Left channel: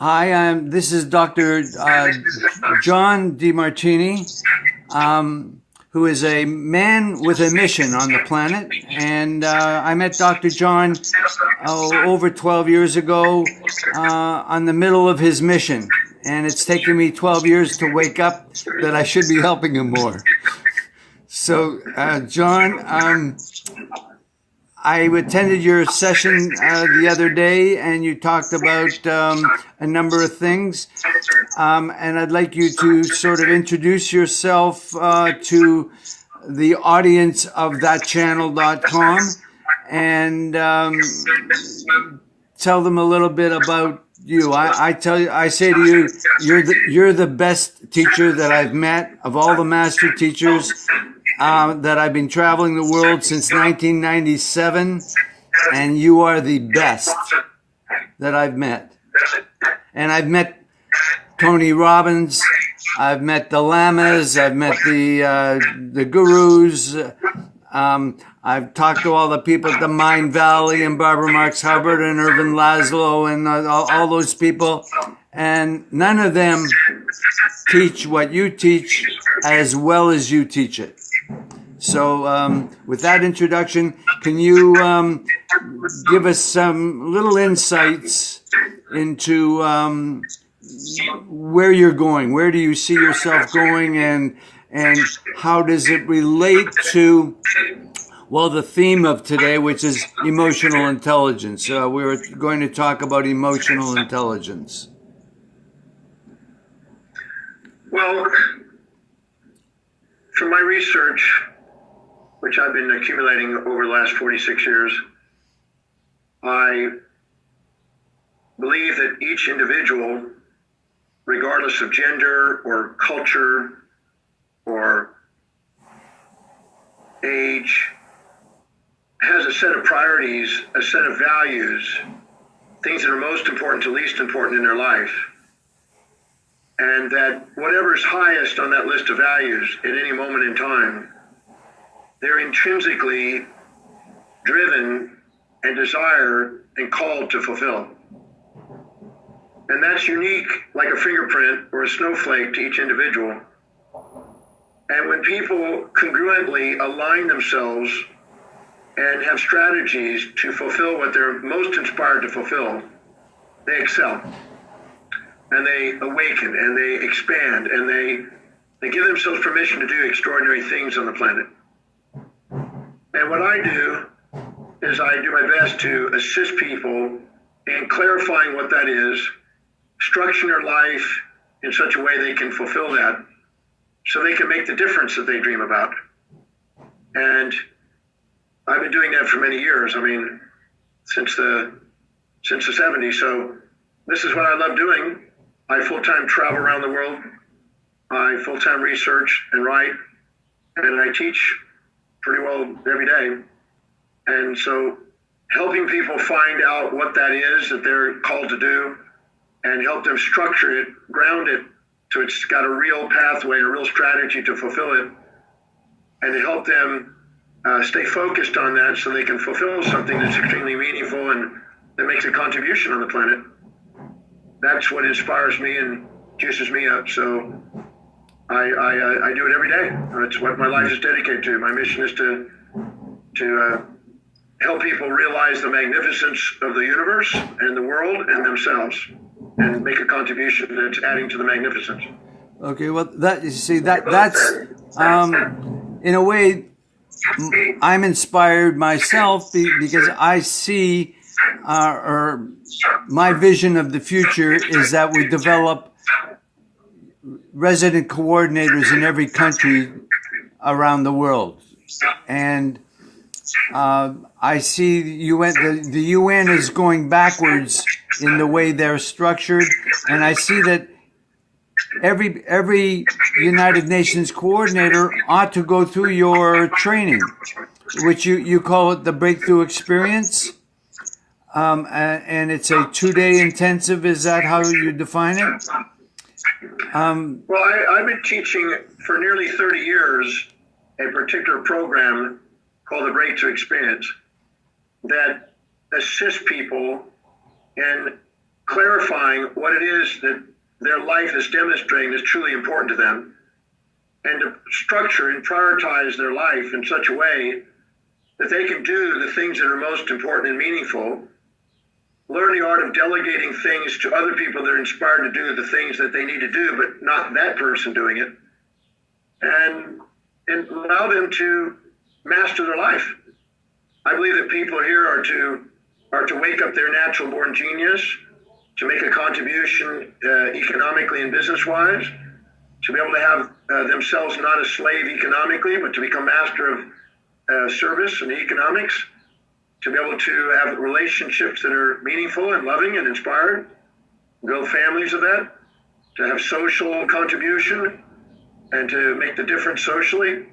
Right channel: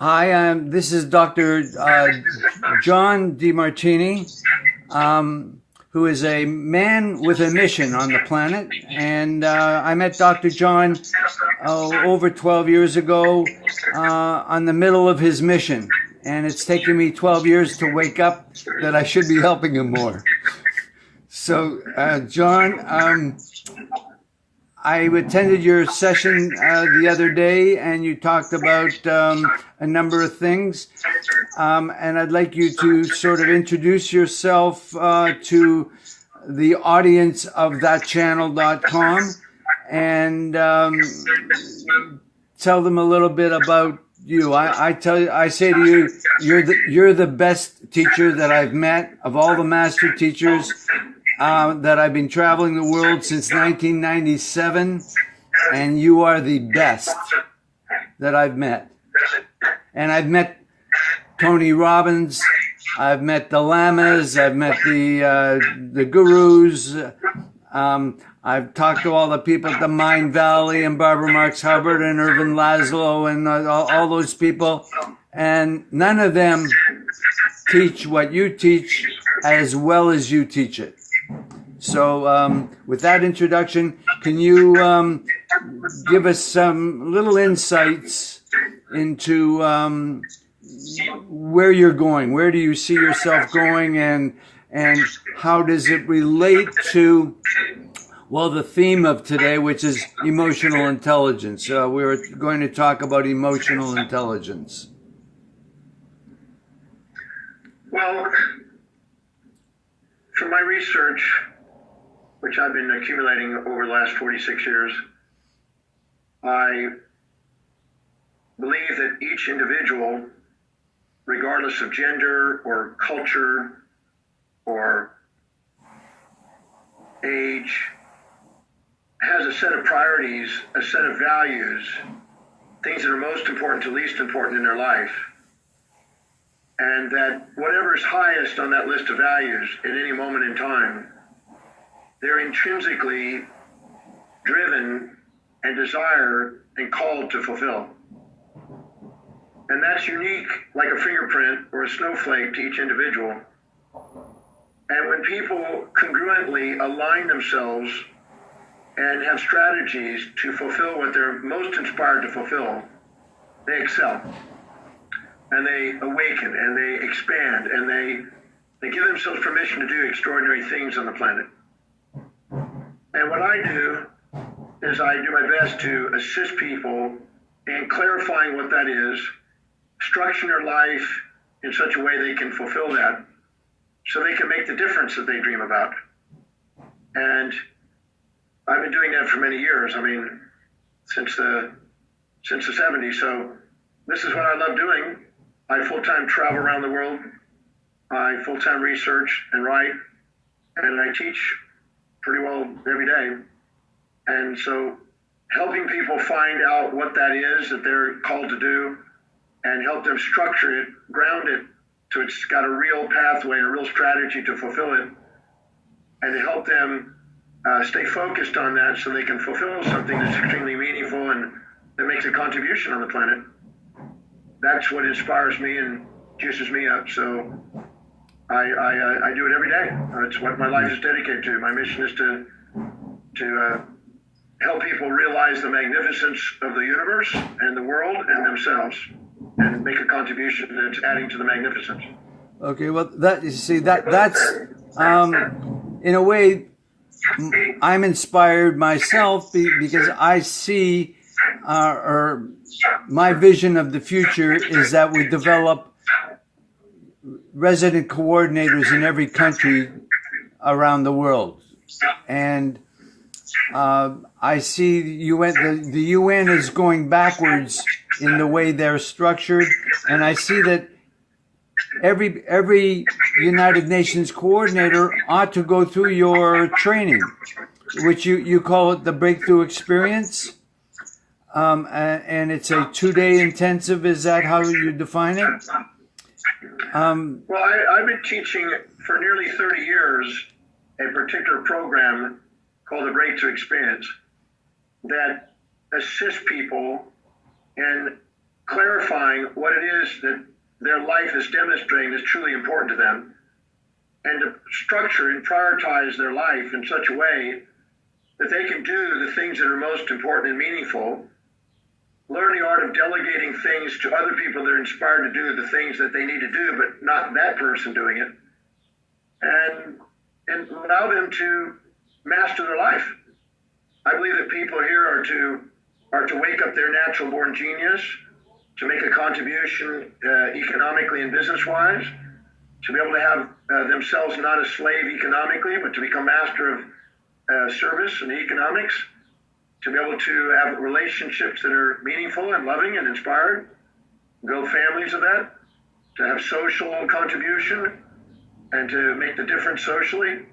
Hi, this is Dr. John Denartini, who is a man with a mission on the planet. And I met Dr. John over 12 years ago on the middle of his mission. And it's taken me 12 years to wake up that I should be helping him more. So, John, I attended your session the other day, and you talked about a number of things. And I'd like you to sort of introduce yourself to the audience of thatchannel.com and tell them a little bit about you. I say to you, you're the best teacher that I've met of all the master teachers. That I've been traveling the world since 1997, and you are the best that I've met. And I've met Tony Robbins, I've met the Lamas, I've met the gurus, I've talked to all the people at the Mind Valley and Barbara Marx Hubbard and Irvin Laszlo and all those people, and none of them teach what you teach as well as you teach it. So with that introduction, can you give us some little insights into where you're going? Where do you see yourself going, and how does it relate to, well, the theme of today, which is emotional intelligence? We're going to talk about emotional intelligence. Well, from my research, which I've been accumulating over the last 46 years, I believe that each individual, regardless of gender or culture or age, has a set of priorities, a set of values, things that are most important to least important in their life. And that whatever's highest on that list of values at any moment in time, they're intrinsically driven and desire and called to fulfill. And that's unique, like a fingerprint or a snowflake, to each individual. And when people congruently align themselves and have strategies to fulfill what they're most inspired to fulfill, they excel. And they awaken, and they expand, and they give themselves permission to do extraordinary things on the planet. And what I do is I do my best to assist people in clarifying what that is, structuring their life in such a way they can fulfill that, so they can make the difference that they dream about. And I've been doing that for many years. I mean, since the 70s. So this is what I love doing. I full-time travel around the world. I full-time research and write, and I teach pretty well every day. And so helping people find out what that is that they're called to do, and help them structure it, ground it, so it's got a real pathway and a real strategy to fulfill it, and to help them stay focused on that so they can fulfill something that's extremely meaningful and that makes a contribution on the planet. That's what inspires me and juices me up. So I do it every day. It's what my life is dedicated to. My mission is to help people realize the magnificence of the universe and the world and themselves, and make a contribution that's adding to the magnificence. Okay, well, that's in a way, I'm inspired myself because I see, or my vision of the future is that we develop resident coordinators in every country around the world. And I see the UN is going backwards in the way they're structured, and I see that every United Nations coordinator ought to go through your training, which you call it the Breakthrough Experience, and it's a 2-day intensive. Is that how you define it? Well, I've been teaching for nearly 30 years a particular program called the Breakthrough Experience that assists people in clarifying what it is that their life is demonstrating is truly important to them, and to structure and prioritize their life in such a way that they can do the things that are most important and meaningful, learn the art of delegating things to other people that are inspired to do the things that they need to do, but not that person doing it, and allow them to master their life. I believe that people here are to wake up their natural born genius, to make a contribution economically and business-wise, to be able to have themselves not a slave economically, but to become master of service and economics, to be able to have relationships that are meaningful and loving and inspired, build families of that, to have social contribution and to make the difference socially,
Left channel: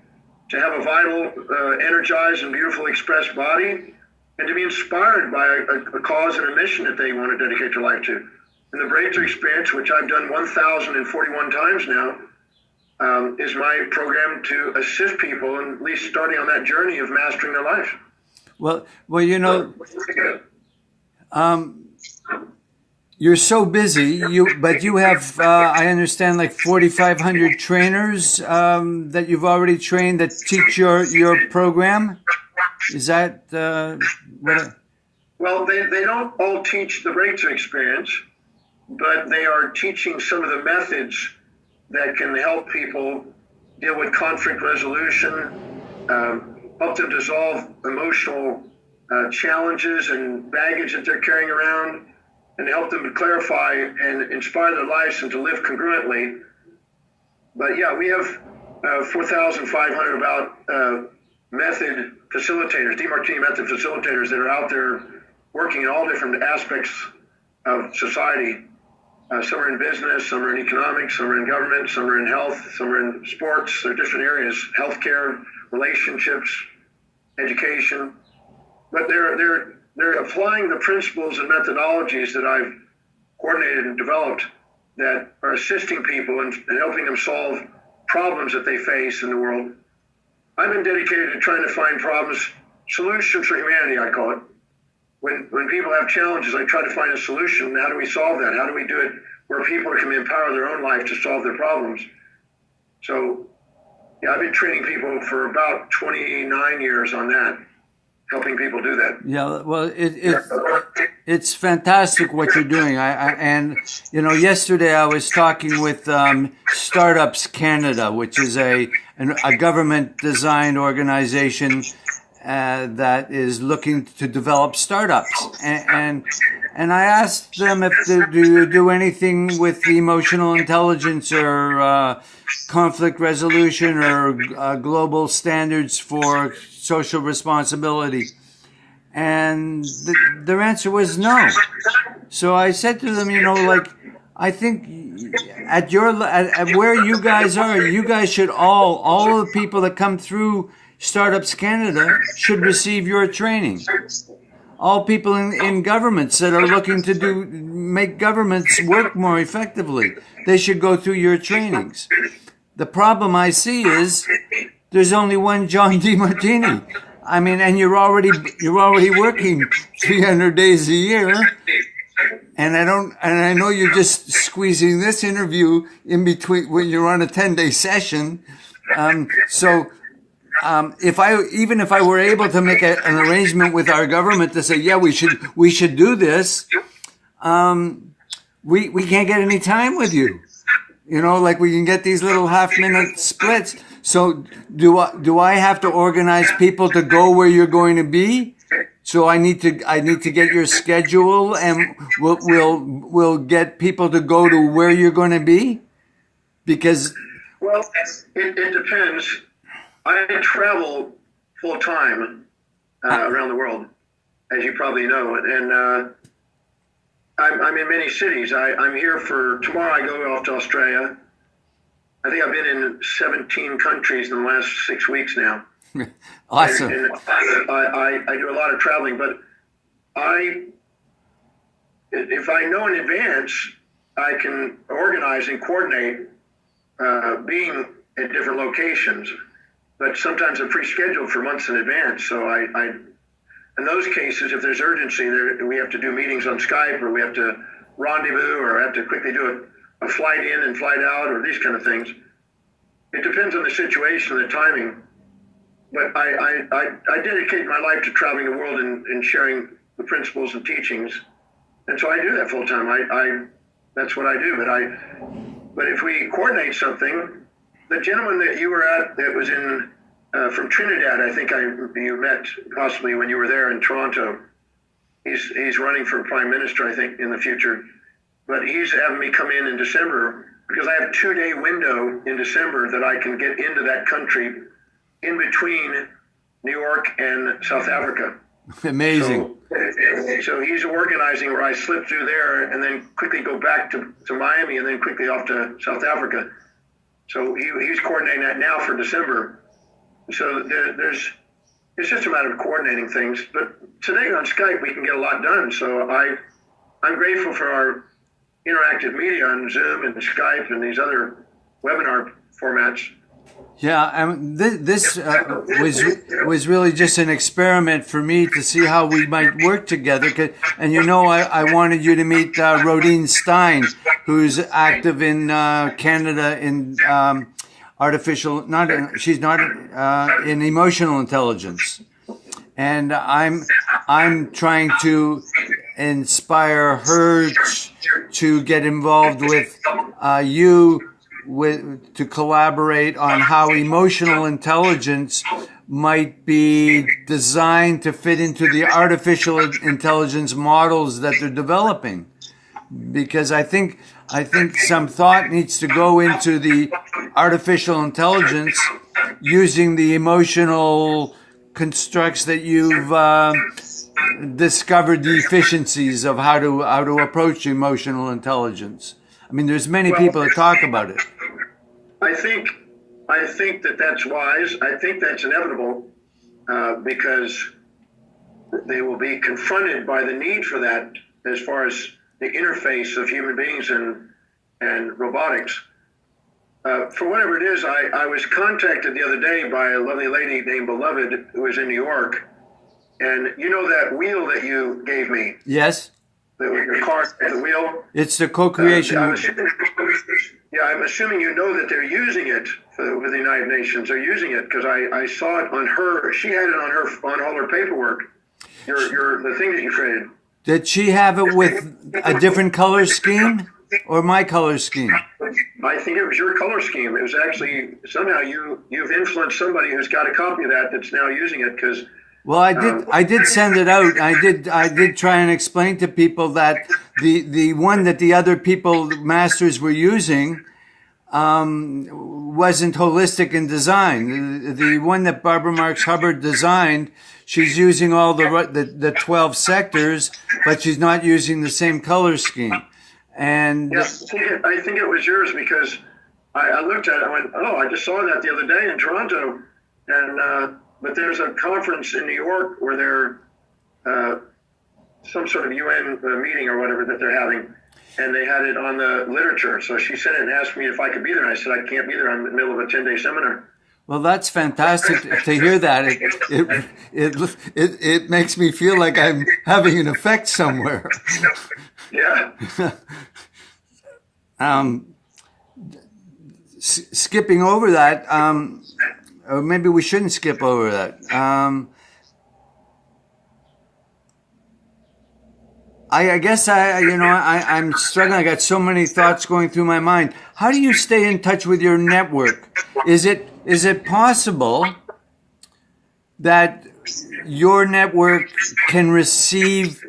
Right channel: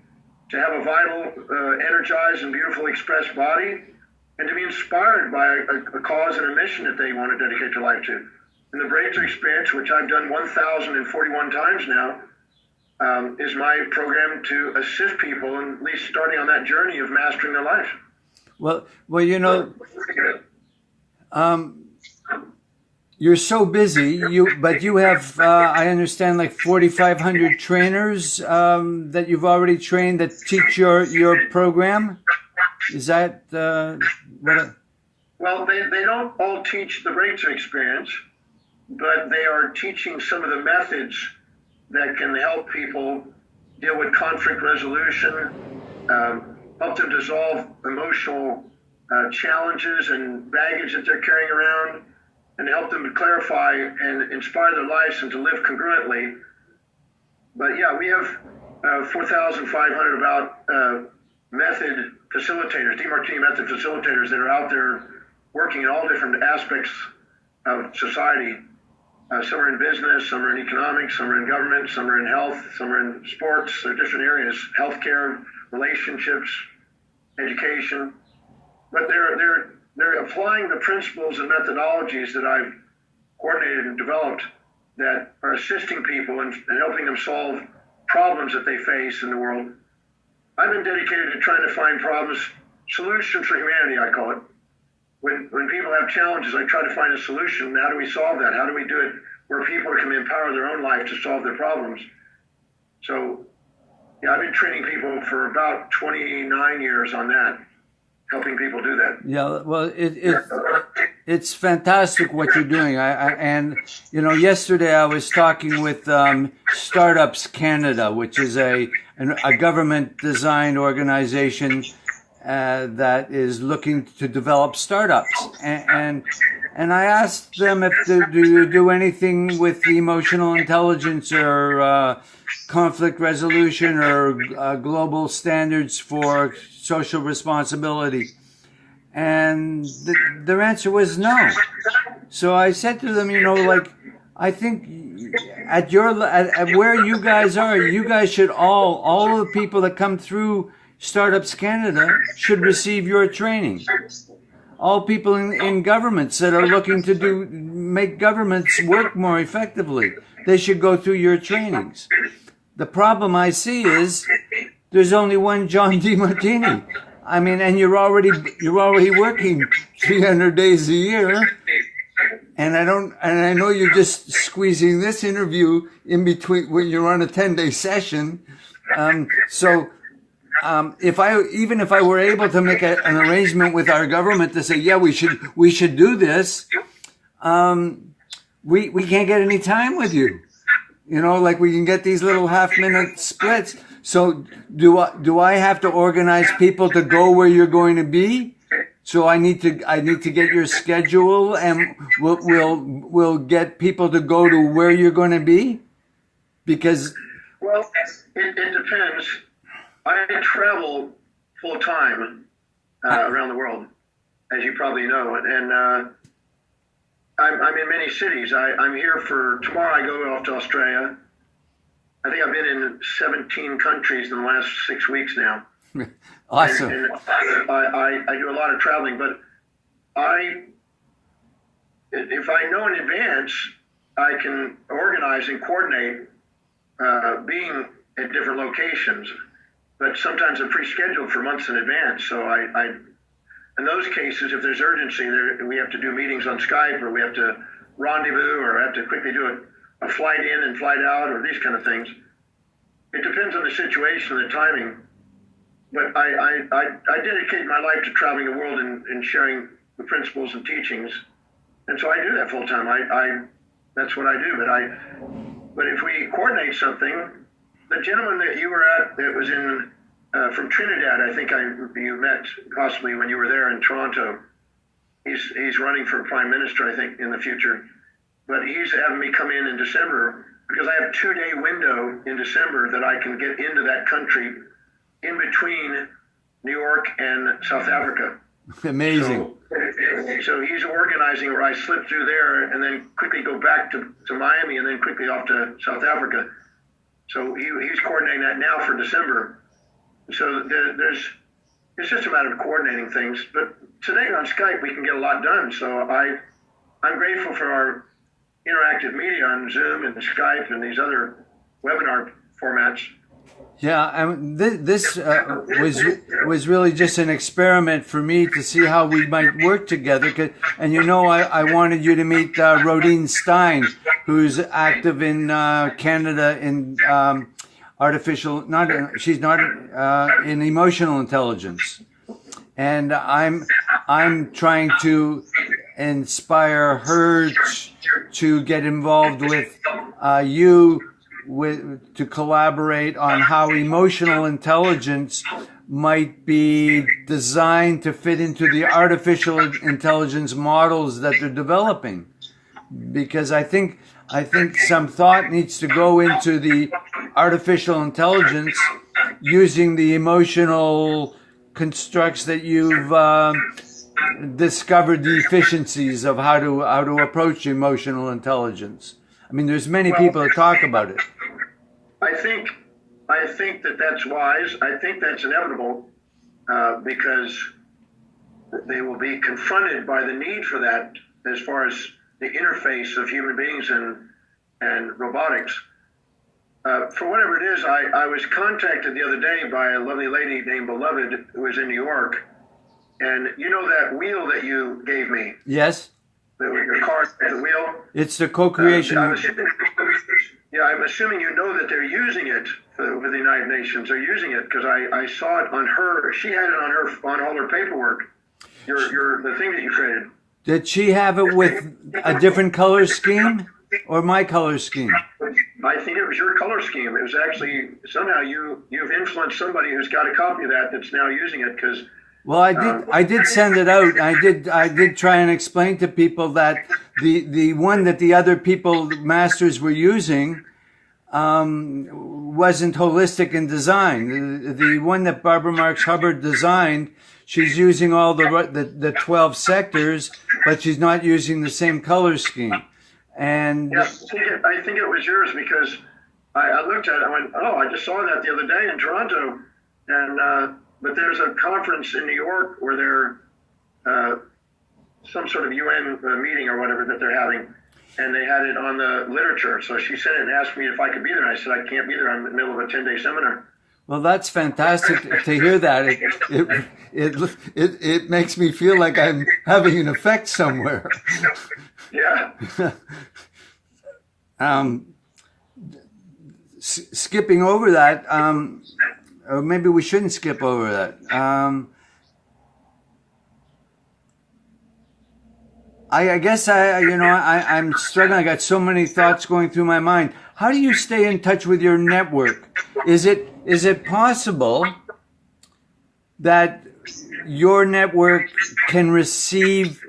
to have a vital, energized and beautiful expressed body, and to be inspired by a cause and a mission that they want to dedicate their life to. And the Breakthrough Experience, which I've done 1,041 times now, is my program to assist people in at least starting on that journey of mastering their life. Well, you know, you're so busy. But you have, I understand, like 4,500 trainers that you've already trained that teach your program. Is that what? Well, they don't all teach the Breakthrough Experience, but they are teaching some of the methods that can help people deal with conflict resolution, help them dissolve emotional challenges and baggage that they're carrying around, and help them to clarify and inspire their lives and to live congruently. But yeah, we have 4,500 about method facilitators, Denartini method facilitators that are out there working in all different aspects of society. Some are in business, some are in economics, some are in government, some are in health, some are in sports. There are different areas, healthcare, relationships, education. But they're applying the principles and methodologies that I've coordinated and developed that are assisting people and helping them solve problems that they face in the world. I've been dedicated to trying to find problems, solutions for humanity, I call it. When people have challenges, I try to find a solution. How do we solve that? How do we do it where people can empower their own life to solve their problems? So, yeah, I've been training people for about 29 years on that, helping people do that. Yeah, well, it's fantastic what you're doing. And you know, yesterday I was talking with Startups Canada, which is a government-designed organization that is looking to develop startups. And I asked them if do you do anything with emotional intelligence or conflict resolution or global standards for social responsibility. And their answer was no. So I said to them, you know, like, I think at where you guys are, you guys should all of the people that come through Startups Canada should receive your training. All people in governments that are looking to make governments work more effectively, they should go through your trainings. The problem I see is there's only one John Denartini. I mean, and you're already working 300 days a year. And I know you're just squeezing this interview in between when you're on a 10-day session. If I were able to make an arrangement with our government to say, yeah, we should do this, we can't get any time with you. You know, like we can get these little half-minute splits. So do I have to organize people to go where you're going to be? So I need to get your schedule, and we'll get people to go to where you're going to be? Because it depends. I travel full time around the world, as you probably know, and I'm in many cities. I'm here for tomorrow. I go off to Australia. I think I've been in 17 countries in the last 6 weeks now. Awesome. And I do a lot of traveling, but if I know in advance, I can organize and coordinate being at different locations. But sometimes I'm pre-scheduled for months in advance. So I in those cases, if there's urgency, we have to do meetings on Skype, or we have to rendezvous or have to quickly do a flight in and flight out or these kind of things. It depends on the situation and the timing. But I dedicate my life to traveling the world and sharing the principles and teachings. And so I do that full time. That's what I do. But if we coordinate something, the gentleman that you were at that was in from Trinidad, I think you met possibly when you were there in Toronto. He's running for prime minister, I think, in the future. But he's having me come in December because I have a 2-day window in December that I can get into that country in between New York and South Africa. Amazing. So he's organizing where I slip through there and then quickly go back to Miami and then quickly off to South Africa. So he's coordinating that now for December. So it's just a matter of coordinating things. But today on Skype, we can get a lot done. So I'm grateful for our interactive media on Zoom and Skype and these other webinar formats. Yeah, this was really just an experiment for me to see how we might work together. And I wanted you to meet Rodine Stein, who's active in Canada in in emotional intelligence, and I'm trying to inspire her to get involved with you. To collaborate on how emotional intelligence might be designed to fit into the artificial intelligence models that they're developing. Because I think some thought needs to go into the artificial intelligence using the emotional constructs that you've discovered the efficiencies of how to approach emotional intelligence. I mean, there's many people that talk about it. I think that's wise. I think that's inevitable because they will be confronted by the need for that as far as the interface of human beings and robotics. For whatever it is, I was contacted the other day by a lovely lady named Beloved who is in New York. And you know that wheel that you gave me? Yes. The car, the wheel. It's the co-creation. I'm assuming you know that they're using it with the United Nations. They're using it because I saw it on her. She had it on all her paperwork. The thing that you created. Did she have it with a different color scheme or my color scheme? I think it was your color scheme. It was actually somehow you've influenced somebody who's got a copy of that's now using it because. Well, I did send it out. I did try and explain to people that the one that the other masters were using wasn't holistic in design. The one that Barbara Marx Hubbard designed, she's using all the 12 sectors, but she's not using the same color scheme. And yeah, I think it was yours because I looked at it and went, oh, I just saw that the other day in Toronto, and. But there's a conference in New York where they're some sort of UN meeting or whatever that they're having, and they had it on the literature. So she sent it and asked me if I could be there. And I said, I can't be there. I'm in the middle of a 10-day seminar. Well, that's fantastic to hear that. It makes me feel like I'm having an effect somewhere. Yeah. Skipping over that, or maybe we shouldn't skip over that. I guess I'm struggling. I got so many thoughts going through my mind. How do you stay in touch with your network? Is it possible that your network can receive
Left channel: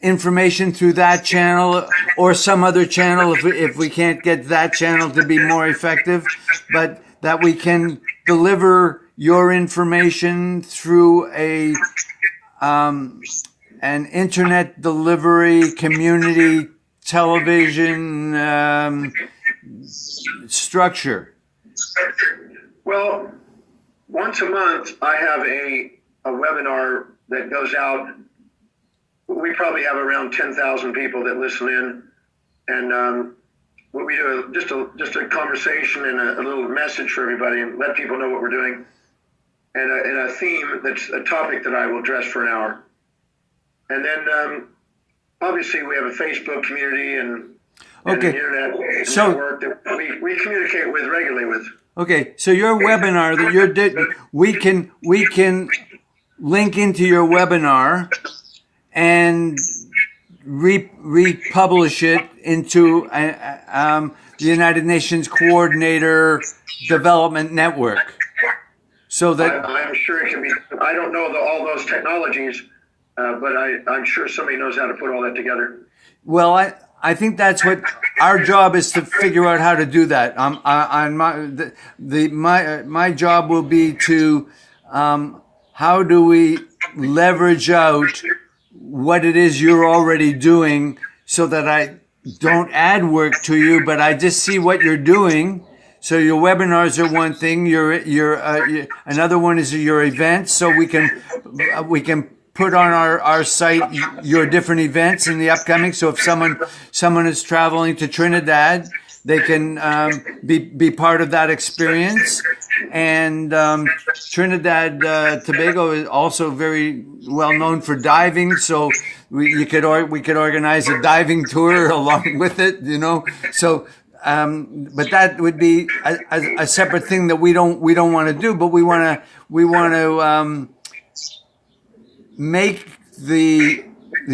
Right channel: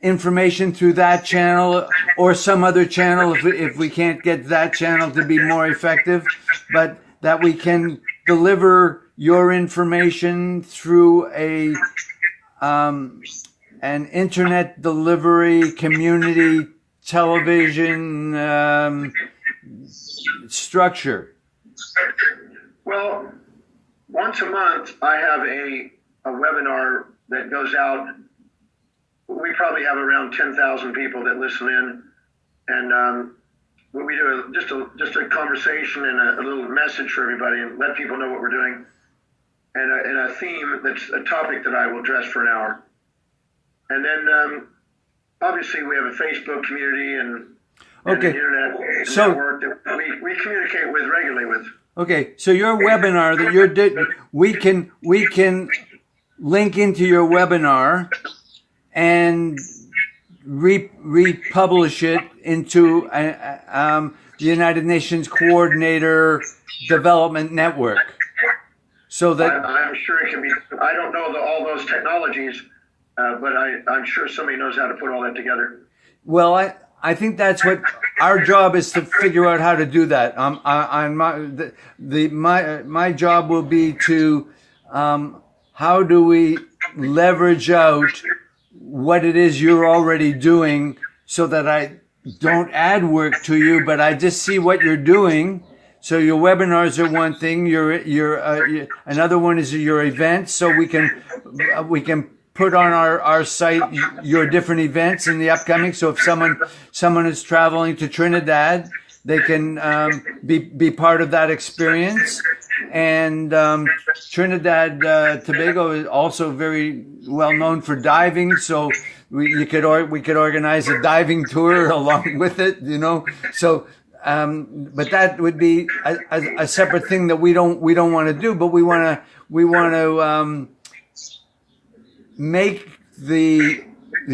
information through that channel or some other channel if we can't get that channel to be more effective, but that we can deliver your information through an internet delivery, community television structure? Well, once a month I have a webinar that goes out. We probably have around 10,000 people that listen in, and what we do is just a conversation and a little message for everybody, and let people know what we're doing, and a theme that's a topic that I will address for an hour, and then obviously we have a Facebook community and Okay. an internet So- network that we communicate with regularly with. Okay, so your webinar that we can link into your webinar and republish it into the United Nations Coordinator Development Network. So that I'm sure it can be. I don't know all those technologies, but I'm sure somebody knows how to put all that together. well, I think that's what our job is, to figure out how to do that. On my job will be to how do we leverage out what it is you're already doing, so that I don't add work to you, but I just see what you're doing. So your webinars are one thing. Another one is your events. So we can put on our site your different events in the upcoming. So if someone is traveling to Trinidad, they can be part of that experience. And Trinidad Tobago is also very well known for diving. So we could organize a diving tour along with it. So. But that would be a separate thing that we don't want to do. But we want to make the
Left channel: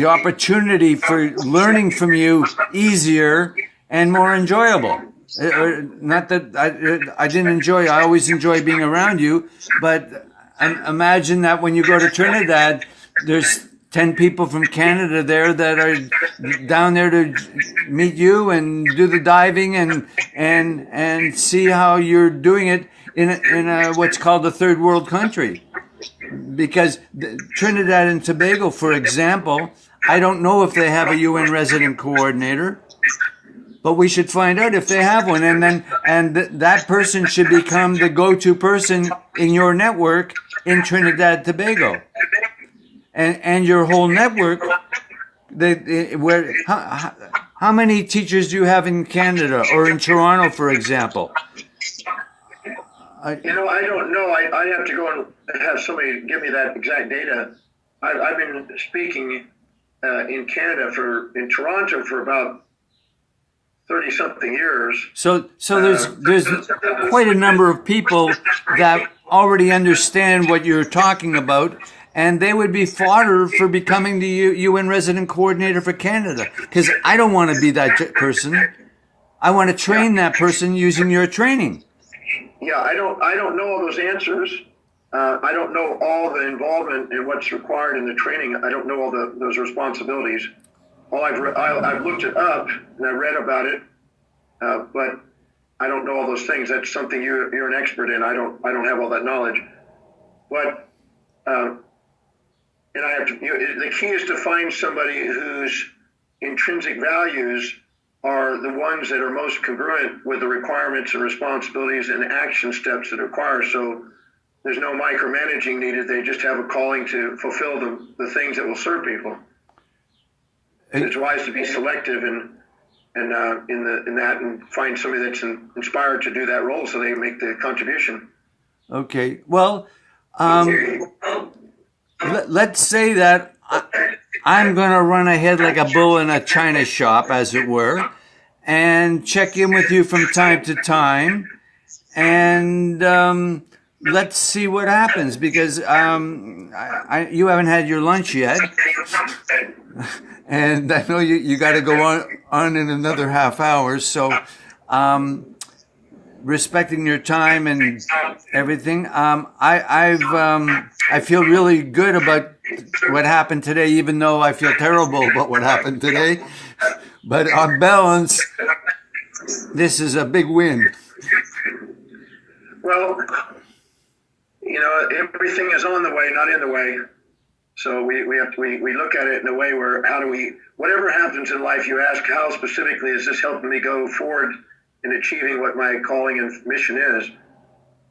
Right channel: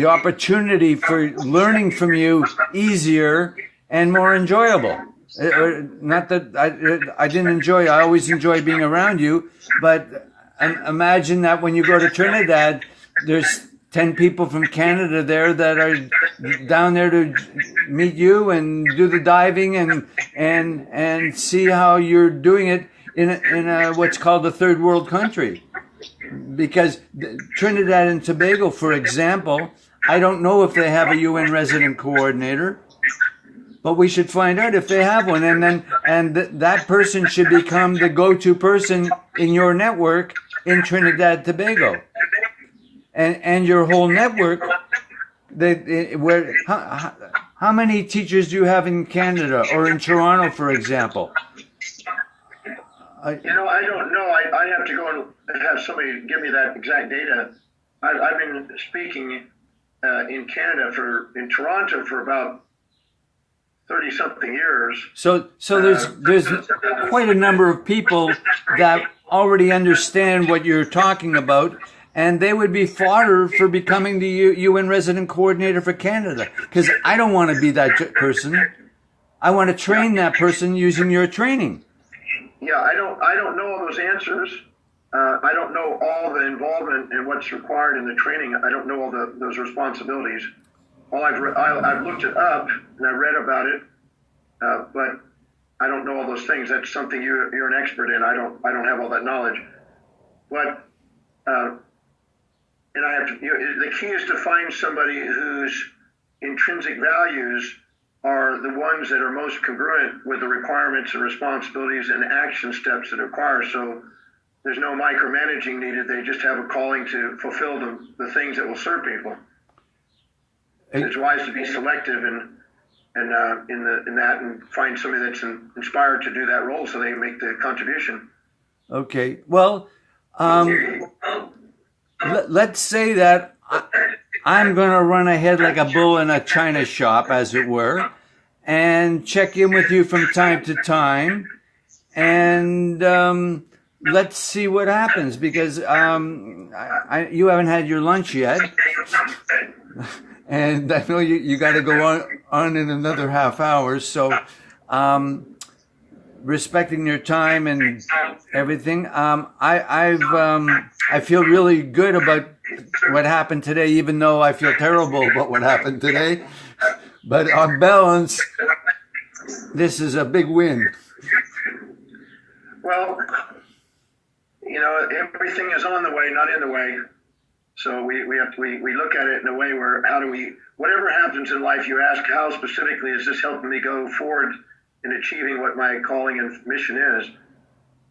opportunity for learning from you easier and more enjoyable. Not that I didn't enjoy. I always enjoy being around you. But imagine that when you go to Trinidad, there's 10 people from Canada there that are down there to meet you and do the diving and see how you're doing it in a what's called a third world country. Because Trinidad and Tobago, for example, I don't know if they have a UN resident coordinator, but we should find out if they have one, and that person should become the go-to person in your network in Trinidad Tobago. And your whole network, how many teachers do you have in Canada or in Toronto, for example? I don't know. I have to go and have somebody give me that exact data. I've been speaking in Canada in Toronto for about 30-something years. So there's quite a number of people that already understand what you're talking about. And they would be fodder for becoming the UN resident coordinator for Canada. Because I don't want to be that person. I want to train that person using your training. Yeah, I don't know all those answers. I don't know all the involvement in what's required in the training. I don't know all those responsibilities. I've looked it up and I've read about it, but I don't know all those things. That's something you're an expert in. I don't have all that knowledge. But and I have to. The key is to find somebody whose intrinsic values are the ones that are most congruent with the requirements and responsibilities and action steps that require. So there's no micromanaging needed. They just have a calling to fulfill the things that will serve people. It's wise to be selective in that and find somebody that's inspired to do that role, so they make the contribution. Okay. Well. Let's say that I'm going to run ahead like a bull in a china shop, as it were, and check in with you from time to time, and let's see what happens, because you haven't had your lunch yet, and I know you got to go on in another half hour, so respecting your time and everything, I feel really good about what happened today, even though I feel terrible about what happened today. But on balance, this is a big win. Well, everything is on the way, not in the way. So we look at it in a way where whatever happens in life, you ask, how specifically is this helping me go forward in achieving what my calling and mission is?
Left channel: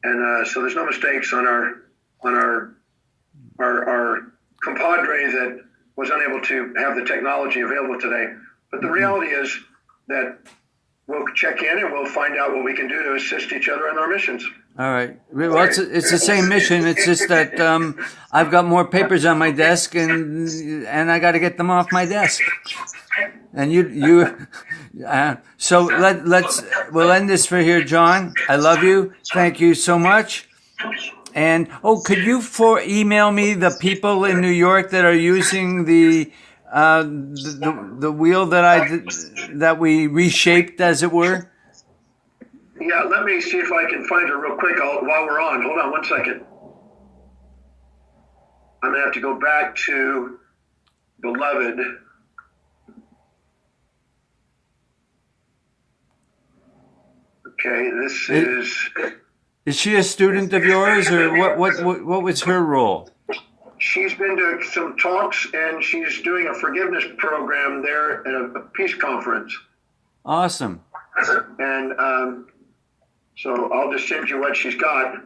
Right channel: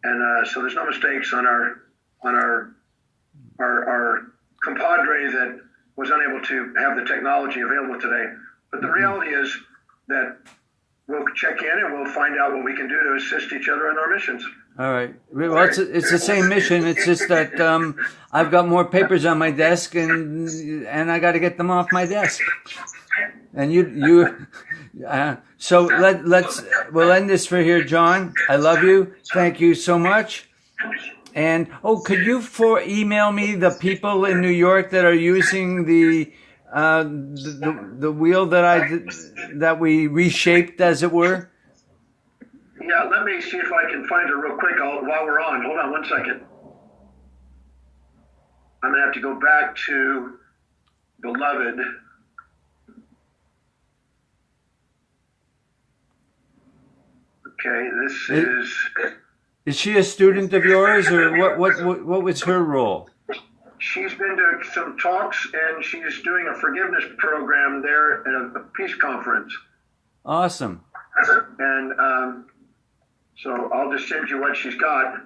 And so there's no mistakes on our compadre that was unable to have the technology available today. But the reality is that we'll check in and we'll find out what we can do to assist each other in our missions. All right. Well, it's the same mission. It's just that I've got more papers on my desk, and I got to get them off my desk. And so we'll end this for here, John. I love you. Thank you so much. And could you email me the people in New York that are using the wheel that we reshaped, as it were? Yeah, let me see if I can find her real quick while we're on. Hold on one second. I'm going to have to go back to Beloved. Okay, this is... Is she a student of yours, or what was her role? She's been to some talks, and she's doing a forgiveness program there at a peace conference. Awesome. And so I'll just send you what she's got.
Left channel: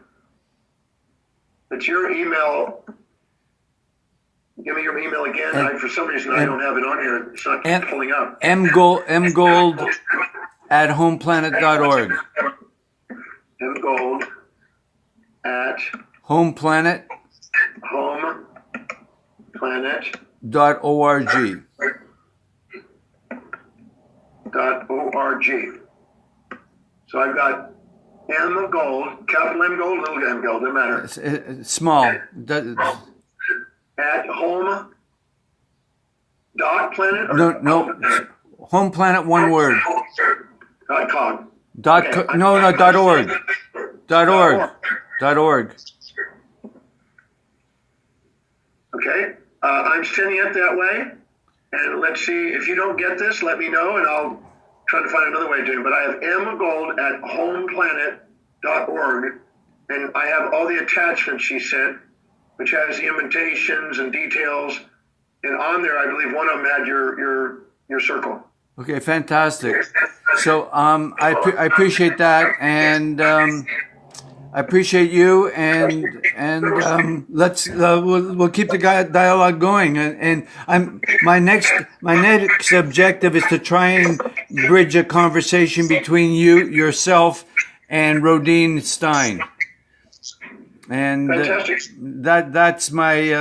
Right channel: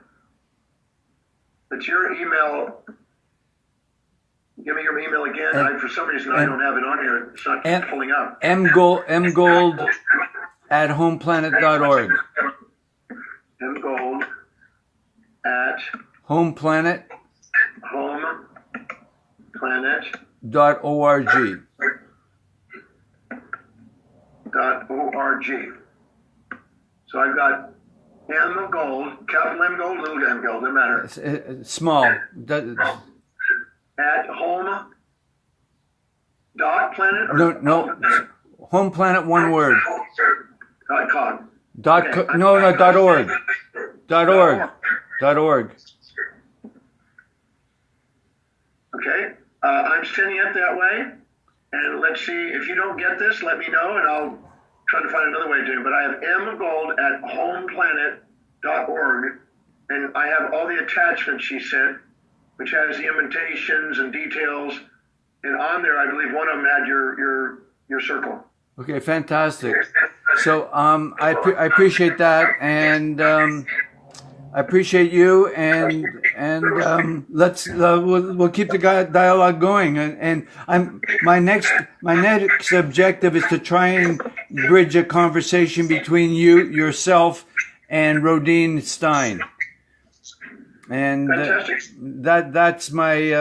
It's your email. Give me your email again. For some reason, I don't have it on here. It's not pulling up. mgold at homeplanet.org. mgold at homeplanet.org. .org. So I've got M Gold, capital M Gold, little M Gold, doesn't matter. Small. At home dot planet? No. Home Planet, one word. .com. Dot org. .org. Okay. I'm sending it that way. And let's see, if you don't get this, let me know, and I'll try to find another way to do it. But I have mgold at homeplanet.org, and I have all the attachments she sent, which has the invitations and details. And on there, I believe one of them had your circle. Okay, fantastic. So I appreciate that, and I appreciate you, and we'll keep the dialogue going. And my next objective is to try and bridge a conversation between yourself, and Rodine Stein. And that's my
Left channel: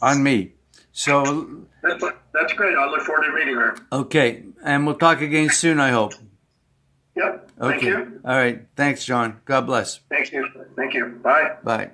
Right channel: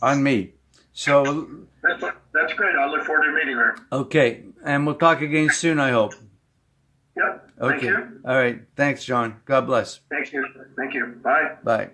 on me. So that's great. I look forward to meeting her. Okay, and we'll talk again soon, I hope. Yep. Okay. Thank you. All right. Thanks, John. God bless. Thank you. Bye. Bye.